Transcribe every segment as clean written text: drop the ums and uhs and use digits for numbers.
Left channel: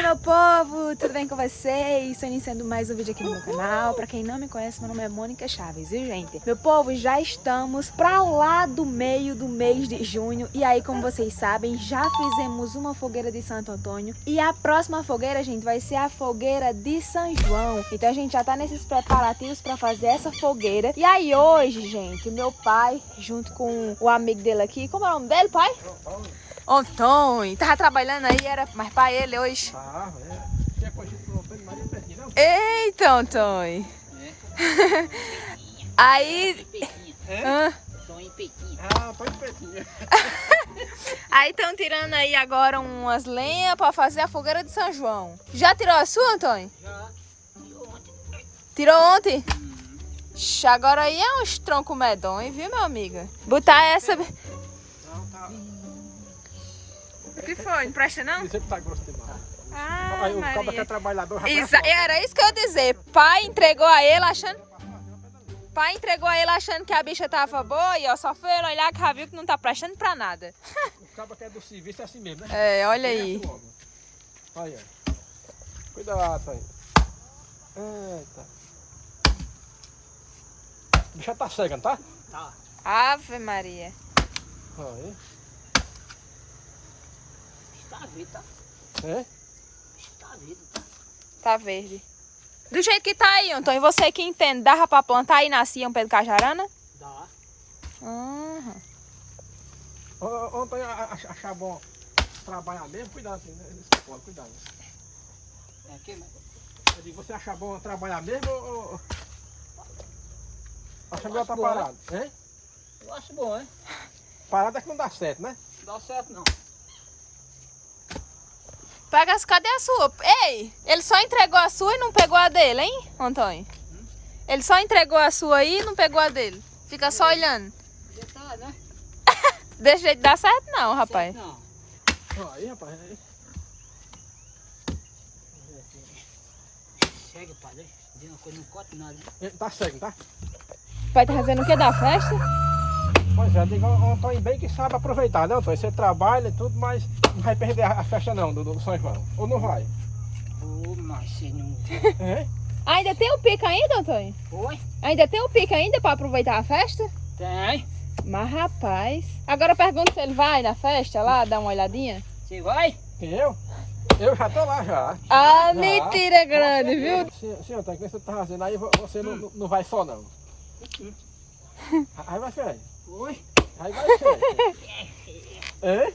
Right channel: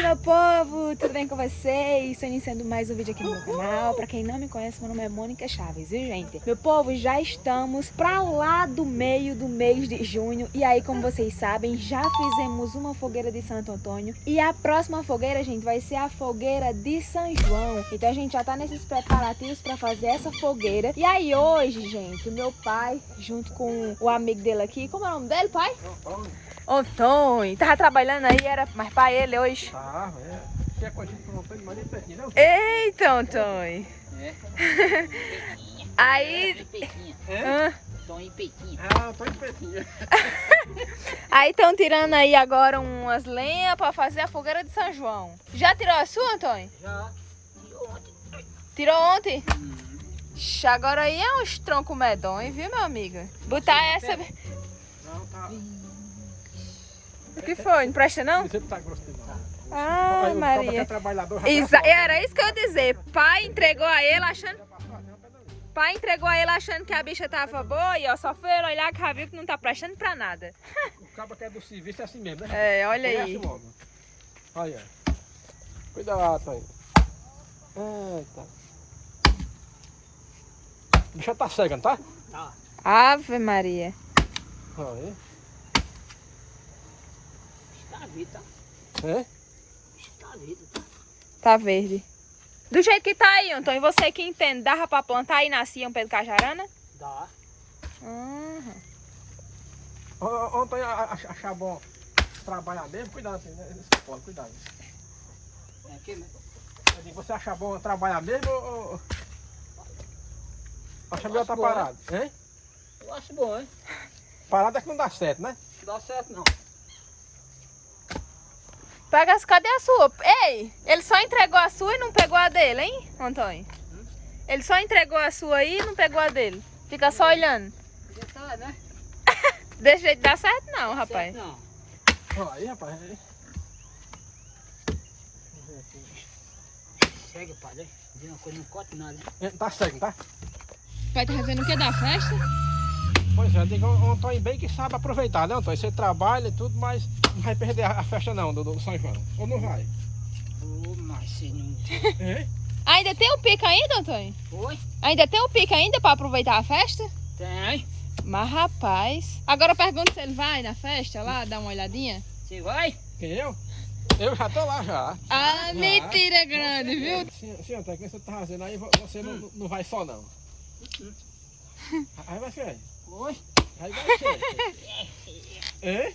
Oi, meu povo, tudo bem com vocês? Estou iniciando mais um vídeo aqui no meu canal. Pra quem não me conhece, meu nome é Mônica Chaves, viu, gente? Meu povo, já estamos pra lá do meio do mês de junho. E aí, como vocês sabem, já fizemos uma fogueira de Santo Antônio. E a próxima fogueira, gente, vai ser a fogueira de São João. Então a gente já tá nesses preparativos pra fazer essa fogueira. E aí hoje, gente, meu pai, junto com o amigo dele aqui, como é o nome dele, pai? Antônio, tava trabalhando aí, era mais pra ele hoje? Tá, que é conhecido por Antônio Maria Pertinho, né? Eita, Antônio! Aí... Tonho Peitinho. Ah, Antônio Pertinho. Aí estão tirando aí agora umas lenhas pra fazer a fogueira de São João. Já tirou a sua, Antônio? Já. E ontem? Tirou ontem? Agora aí é uns troncos medonhos, viu, meu amigo? Botar essa... Não, tá. O que foi? Não presta não? Sempre tá grosso demais. Ah, Aí o cabo que é Maria. trabalhador... Era isso que eu ia dizer. Pai entregou a ele achando... Pai entregou a ele achando que a bicha tava boa e ó, só foi ele olhar que já viu que não tá prestando pra nada. O cabo que é do serviço é assim mesmo, né? É, olha aí. Logo. Olha. Cuidado aí. Eita. A bicha tá cega, não tá? Tá. Ave Maria. Olha aí. Está vivo, tá? É? Está vivo, tá? Tá verde. Do jeito que tá aí, Antônio, você que entende, dava pra plantar e nascia um pé de cajarana? Dá. Uhum. Ontem achar bom trabalhar mesmo, cuidado assim, né? Cuidado. É aqui, né? Eu digo, você acha bom trabalhar mesmo ou acha melhor tá bom, parado? Hein? Eu acho bom, hein? Parado é que não dá certo, né? Não dá certo, não. Pega as, cadê a sua? Ei, ele só entregou a sua e não pegou a dele, hein, Antônio? Ele só entregou a sua aí e não pegou a dele. Fica só olhando. Já tá, né? Desse jeito dá certo não, rapaz. Certo, não. Olha aí, rapaz. Aí. Segue, padre. De uma coisa não corta nada, hein? Tá cego, tá? Pai tá fazendo o que da festa? Pois é, digo, o Antônio bem que sabe aproveitar, né, Antônio? Você trabalha e tudo, mas não vai perder a festa não, do São João. Ou não vai? Ô, mas você não... É? Ainda tem o pica ainda, Antônio? Oi? Ainda tem o pica ainda pra aproveitar a festa? Tem. Mas rapaz... Agora eu pergunto se ele vai na festa lá, dar uma olhadinha. Você vai? Quem, eu? Eu já tô lá já. Ah, Já. mentira grande, viu? Sim, Antônio, o que você tá fazendo aí, você não vai só não. Aí vai ser. Oi? Aí vai ser. É?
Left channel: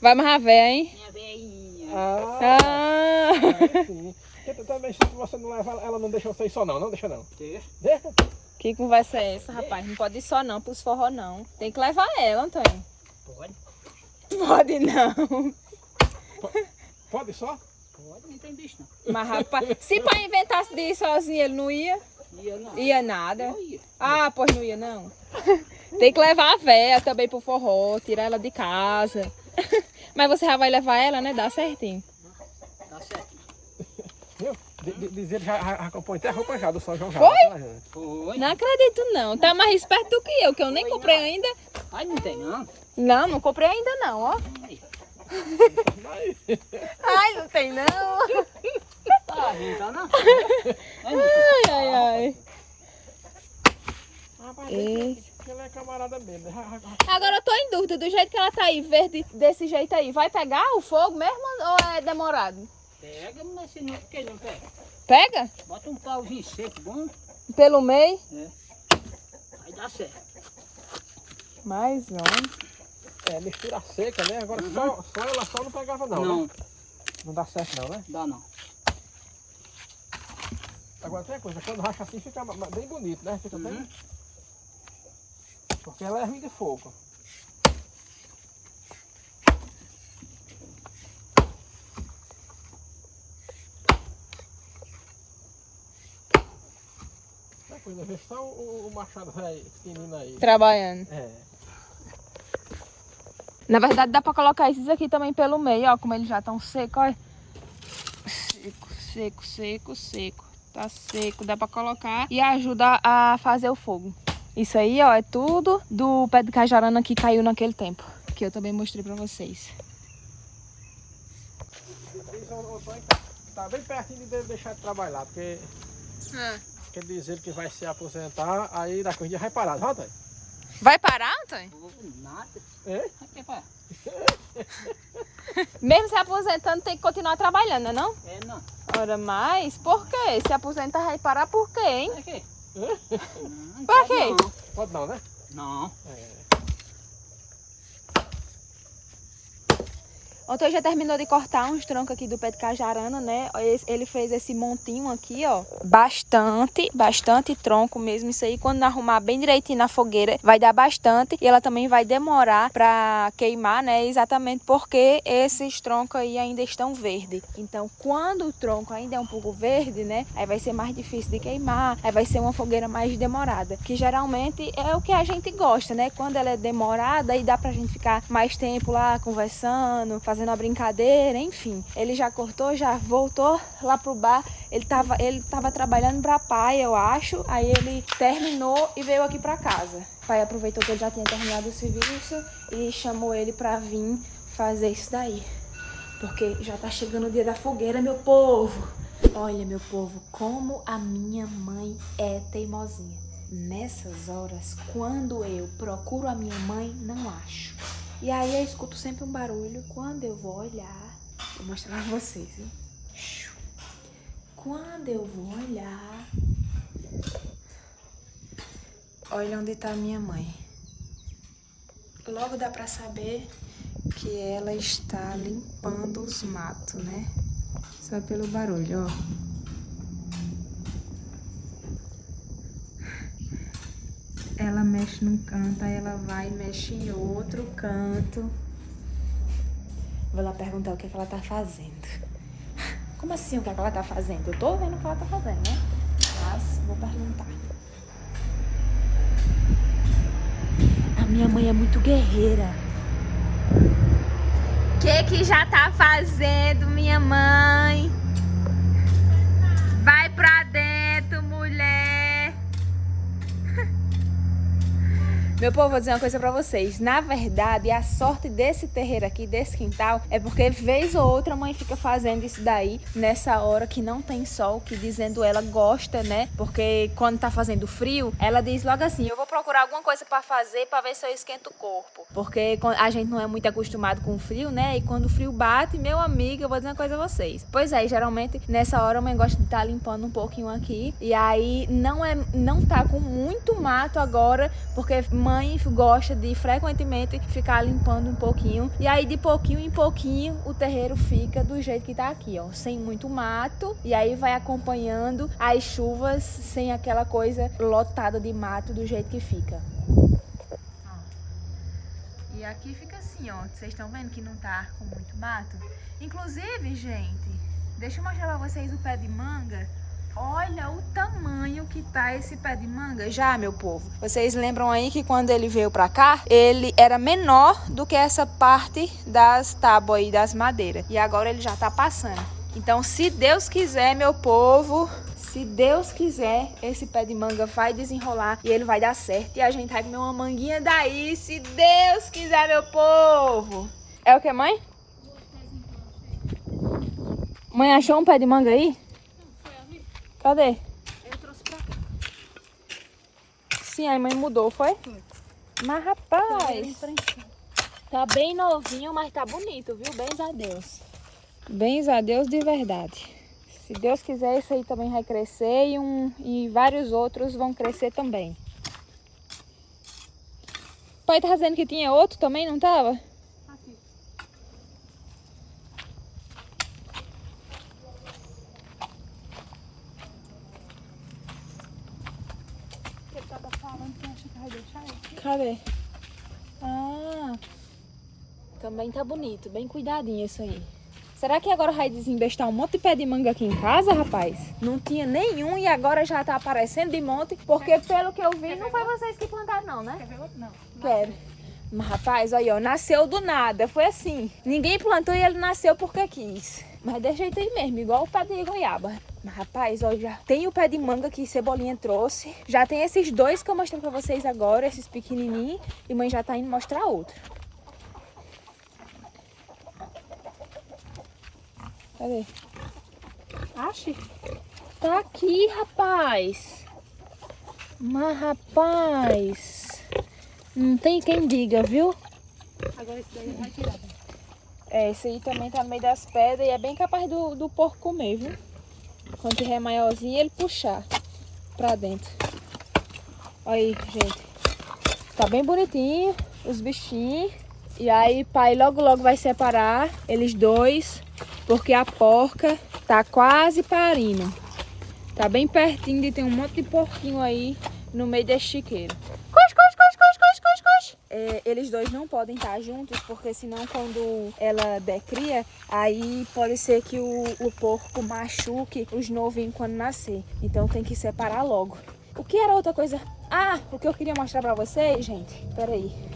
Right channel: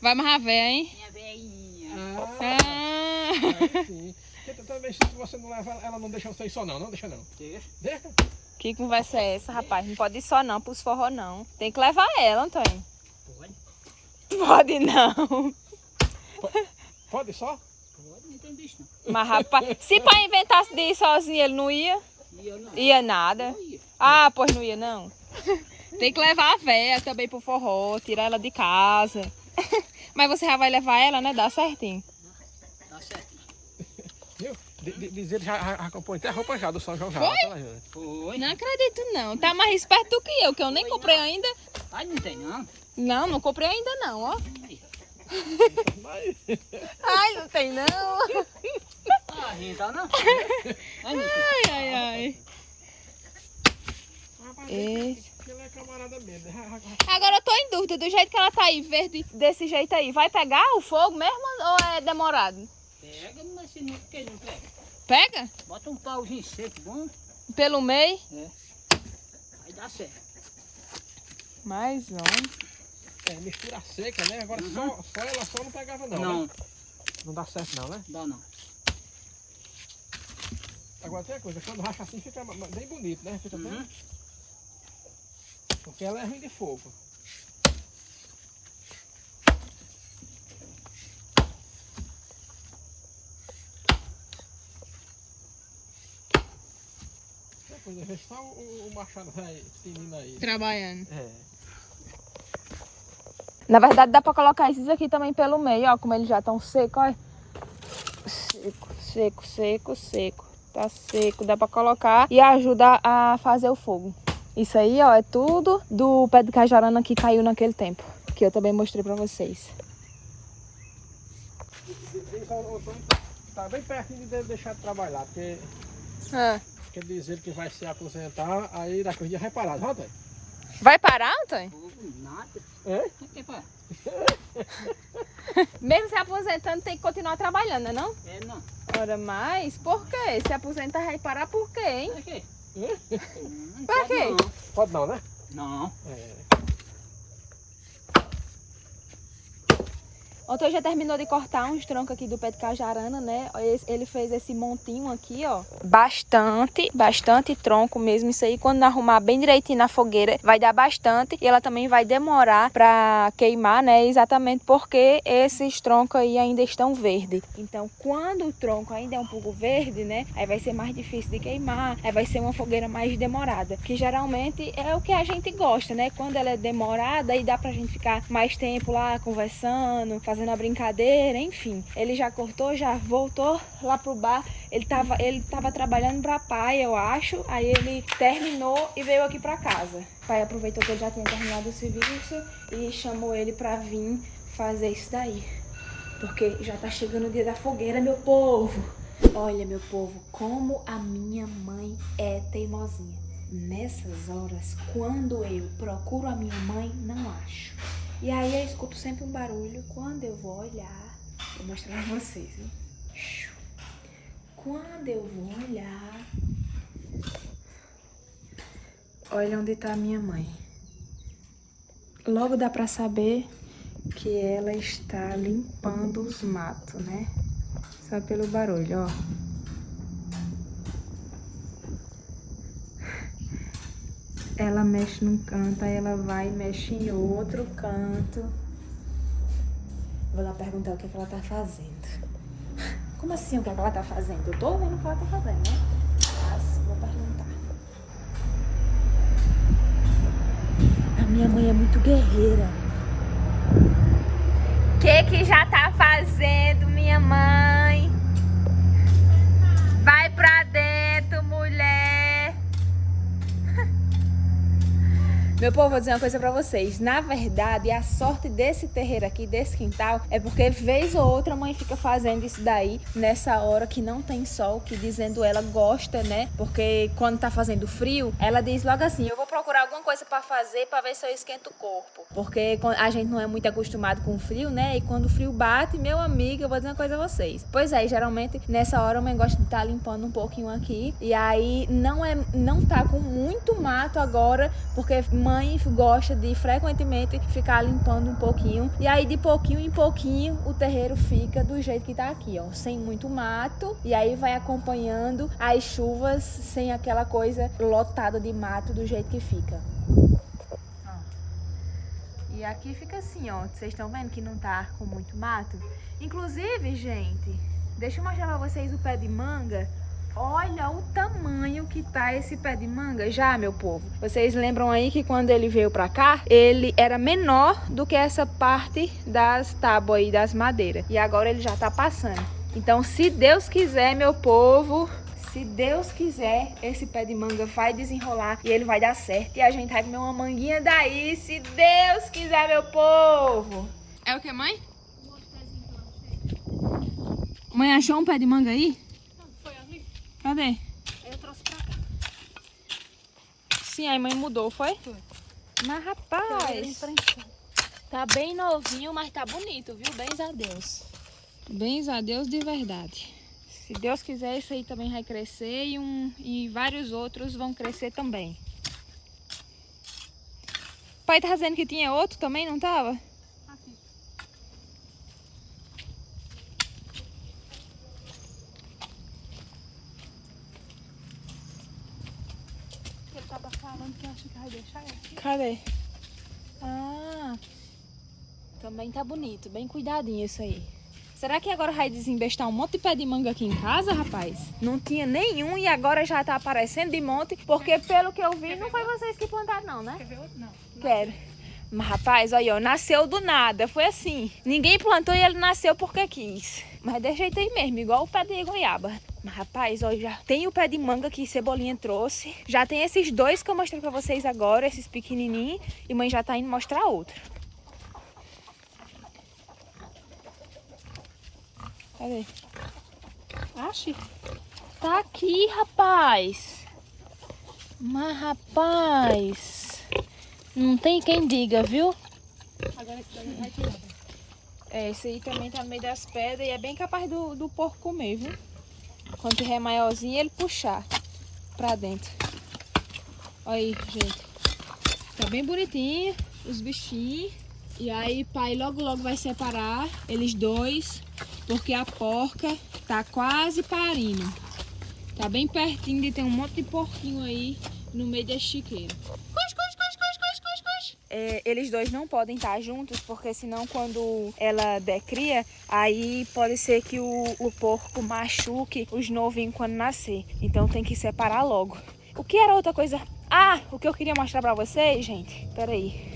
Vai amarrar véia, hein? Minha velhinha. Ah. Aí sim. Porque também se você não leva, ela não deixa você ir só não, não deixa não. Deixa. Deixa? Que conversa é essa, rapaz? Não pode ir só não, pros forró não. Tem que levar ela, Antônio. Pode? Pode não. Pode só? Pode, não tem bicho, não. Mas rapaz, se pai inventasse de ir sozinho, ele não ia? E eu não. Ia nada. Eu ia. Ah, pois não ia não. Tem que levar a véia também pro forró, tirar ela de casa. Mas você já vai levar ela, né? Dá certinho. Tá certo. Viu? Dizer já compõe até a roupa já do São João já. Foi? Tá, gente? Foi. Não acredito não. Tá mais esperto do que eu nem comprei ainda. Ai, não tem, não. Não, não comprei ainda não, ó. Aí. Mas... Ai, não tem não. Tá, gente, tá, não? Ai, ai, ai. Rapaz, Esse. ela é camarada mesmo. Agora eu tô em dúvida, do jeito que ela tá aí, verde desse jeito aí, vai pegar o fogo mesmo ou é demorado? Pega, mas se não, quem não pega? Pega? Bota um pauzinho seco bom. Pelo meio? É. Aí dá certo. Mais um. É, mistura seca, né? Agora só ela só não pegava não, Não, né? Não dá certo não, né? dá não. Agora tem uma coisa, quando racha assim fica bem bonito, né? Fica bem... Porque ela é ruim de fogo. É coisa, vê só o machado velho, pequenino aí. Trabalhando. É. Na verdade dá pra colocar esses aqui também pelo meio, ó, como eles já estão secos, ó. Seco, seco, seco, seco. Tá seco, dá pra colocar e ajuda a fazer o fogo. Isso aí, ó, é tudo do pé de cajarana que caiu naquele tempo, que eu também mostrei pra vocês. Diz ao Antônio que tá bem pertinho de deixar de trabalhar, porque Ah. quer dizer que vai se aposentar, aí daqui a dia vai parar, viu, Antônio? Vai parar, Antônio? Nada. É? Aqui, pá. Mesmo se aposentando, tem que continuar trabalhando, não? É, não. Ora, mas por quê? Se aposentar, vai parar por quê, hein? Aqui. Pra quê? Pode não, né? Não. Ontem já terminou de cortar uns troncos aqui do pé de cajarana, né? Ele fez esse montinho aqui, ó. Bastante tronco mesmo. Isso aí, quando arrumar bem direitinho na fogueira, vai dar bastante. E ela também vai demorar pra queimar, né? Exatamente porque esses troncos aí ainda estão verdes. Então, quando o tronco ainda é um pouco verde, né? Aí vai ser mais difícil de queimar. Aí vai ser uma fogueira mais demorada. Que geralmente é o que a gente gosta, né? Quando ela é demorada, aí dá pra gente ficar mais tempo lá conversando, fazendo a brincadeira, enfim. Ele já cortou, já voltou lá pro bar. Ele tava trabalhando pra pai, eu acho. Aí ele terminou e veio aqui pra casa. O pai aproveitou que ele já tinha terminado o serviço e chamou ele pra vir fazer isso daí. Porque já tá chegando o dia da fogueira, meu povo. Olha, meu povo, como a minha mãe é teimosinha. Nessas horas, quando eu procuro a minha mãe, não acho. E aí eu escuto sempre um barulho. Quando eu vou olhar, vou mostrar pra vocês, hein? Quando eu vou olhar, olha onde tá a minha mãe. Logo dá pra saber que ela está limpando os matos, né? Só pelo barulho, ó. Ela mexe num canto, aí ela vai e mexe em outro canto. Vou lá perguntar o que é que ela tá fazendo. Como assim, o que é que ela tá fazendo? Eu tô vendo o que ela tá fazendo, né? Mas vou perguntar. A minha mãe é muito guerreira. O que já tá fazendo, minha mãe? Vai pra dentro, mulher. Meu povo, vou dizer uma coisa pra vocês. Na verdade, a sorte desse terreiro aqui, desse quintal, é porque vez ou outra a mãe fica fazendo isso daí nessa hora que não tem sol, que dizendo ela gosta, né? Porque quando tá fazendo frio, ela diz logo assim, eu vou procurar alguma coisa pra fazer pra ver se eu esquento o corpo. Porque a gente não é muito acostumado com o frio, né? E quando o frio bate, meu amigo, eu vou dizer uma coisa a vocês. Pois é, geralmente nessa hora a mãe gosta de estar limpando um pouquinho aqui. E aí não tá com muito mato agora, porque mãe gosta de frequentemente ficar limpando um pouquinho. E aí de pouquinho em pouquinho o terreiro fica do jeito que tá aqui, ó. Sem muito mato. E aí vai acompanhando as chuvas sem aquela coisa lotada de mato do jeito que fica. E aqui fica assim, ó. Vocês estão vendo que não tá com muito mato? Inclusive, gente, deixa eu mostrar pra vocês o pé de manga. Olha o tamanho que tá esse pé de manga já, meu povo. Vocês lembram aí que quando ele veio pra cá, ele era menor do que essa parte das tábuas aí, das madeiras. E agora ele já tá passando. Então, se Deus quiser, meu povo, se Deus quiser, esse pé de manga vai desenrolar e ele vai dar certo. E a gente vai comer uma manguinha daí, se Deus quiser, meu povo. É o que, mãe? Mãe achou um pé de manga aí? Cadê? Eu trouxe pra cá. Sim, a mãe mudou, foi? Mas, rapaz, tá bem novinho, mas tá bonito, viu? Bens a Deus. Bens a Deus de verdade. Se Deus quiser, isso aí também vai crescer e vários outros vão crescer também. O pai tá dizendo que tinha outro também, não tava? Aqui. Ele tava falando que acha que vai deixar aqui. Cadê? Ah, também tá bonito, bem cuidadinho isso aí. Será que agora vai desembestar um monte de pé de manga aqui em casa, rapaz? Não tinha nenhum e agora já tá aparecendo de monte, porque pelo que eu vi, não foi vocês que plantaram não, né? Quer ver outro? Não. Quero. Mas, rapaz, olha, ó, nasceu do nada, foi assim. Ninguém plantou e ele nasceu porque quis. Mas desse jeito aí mesmo, igual o pé de goiaba. Mas, rapaz, olha, já tem o pé de manga que Cebolinha trouxe. Já tem esses dois que eu mostrei pra vocês agora, esses pequenininhos. E mãe já tá indo mostrar outro. Cadê? Ache. Tá aqui, rapaz. Mas, rapaz, não tem quem diga, viu? Agora esse daí vai tirar. É, esse aí também tá no meio das pedras e é bem capaz do porco comer, viu? Quando tiver maiorzinho, ele puxar pra dentro. Olha aí, gente. Tá bem bonitinho os bichinhos. E aí, pai logo logo vai separar eles dois, porque a porca tá quase parindo. Tá bem pertinho de ter um monte de porquinho aí no meio desse chiqueiro. Eles dois não podem estar juntos, porque senão quando ela der cria, aí pode ser que o porco machuque os novinhos quando nascer. Então tem que separar logo. O que era outra coisa? Ah, o que eu queria mostrar pra vocês, gente. Peraí.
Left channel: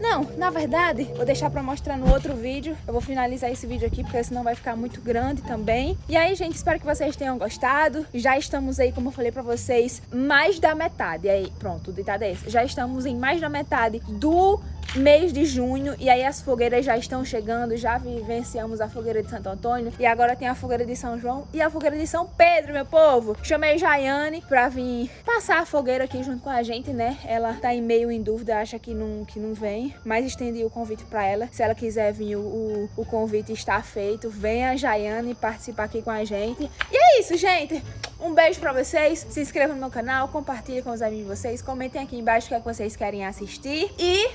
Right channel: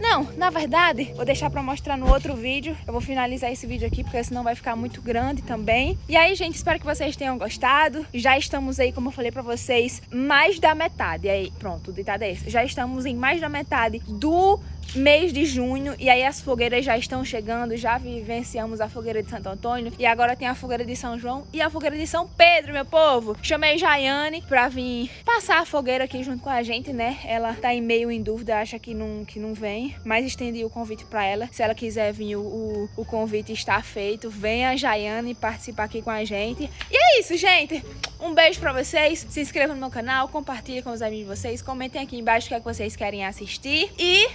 Não, na verdade, vou deixar pra mostrar no outro vídeo. Eu vou finalizar esse vídeo aqui, porque senão vai ficar muito grande também. E aí, gente, espero que vocês tenham gostado. Já estamos aí, como eu falei pra vocês, mais da metade. E aí, pronto, o ditado é esse. Já estamos em mais da metade do mês de junho. E aí as fogueiras já estão chegando. Já vivenciamos a fogueira de Santo Antônio. E agora tem a fogueira de São João e a fogueira de São Pedro, meu povo. Chamei Jaiane pra vir passar a fogueira aqui junto com a gente, né? Ela tá meio em dúvida, acha que não vem. Mas estendi o convite para ela. Se ela quiser vir, o convite está feito. Venha a Jaiane participar aqui com a gente. E é isso, gente. Um beijo para vocês. Se inscrevam no meu canal, compartilhem com os amigos de vocês. Comentem aqui embaixo o que é que vocês querem assistir. E